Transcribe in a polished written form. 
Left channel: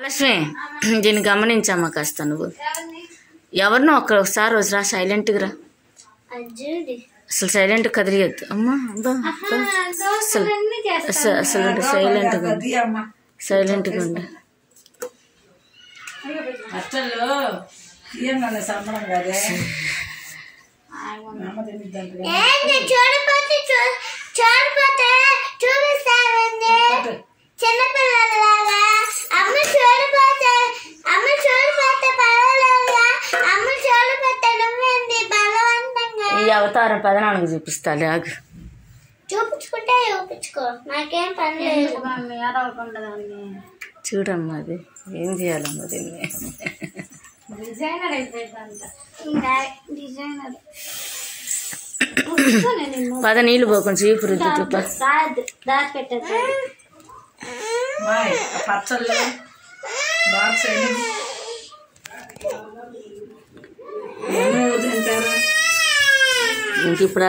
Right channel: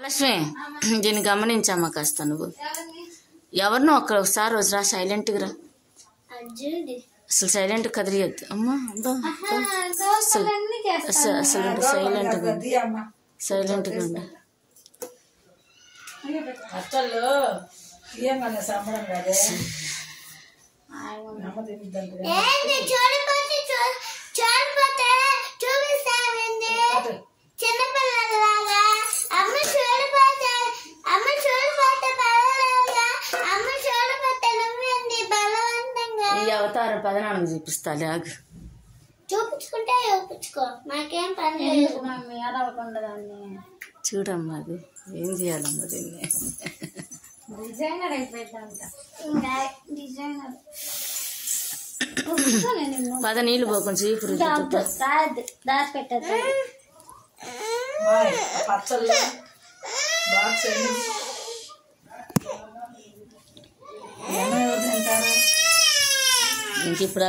లక్ష్మి దీన్ని గమనించమ్మా కాస్త నువ్వు ఎవరినో ఒకసారి రోజు రా సైలెంట్గా రా అసలు సైలెంట్ కదిలియద్దు అమ్మా అసలు అసలు సైలెంట్గా ఉండి ఈ అవతారం పదనాన్నకు చూపిస్తాలే ఆగు చూపించుకుంటే చూపించుకో నాకేం పని లేదు మమ్మీ అడవకుండదాన్ని చూడమ్మా అది ఏం చేయాలమ్మా దీన్ని డిజైనర్ అయిపోయిందంట డిజైనర్ పద నీళ్ళు పోకుండా చీపు రుద్దు దాచి పెట్టారు ఇంక ఇప్పుడు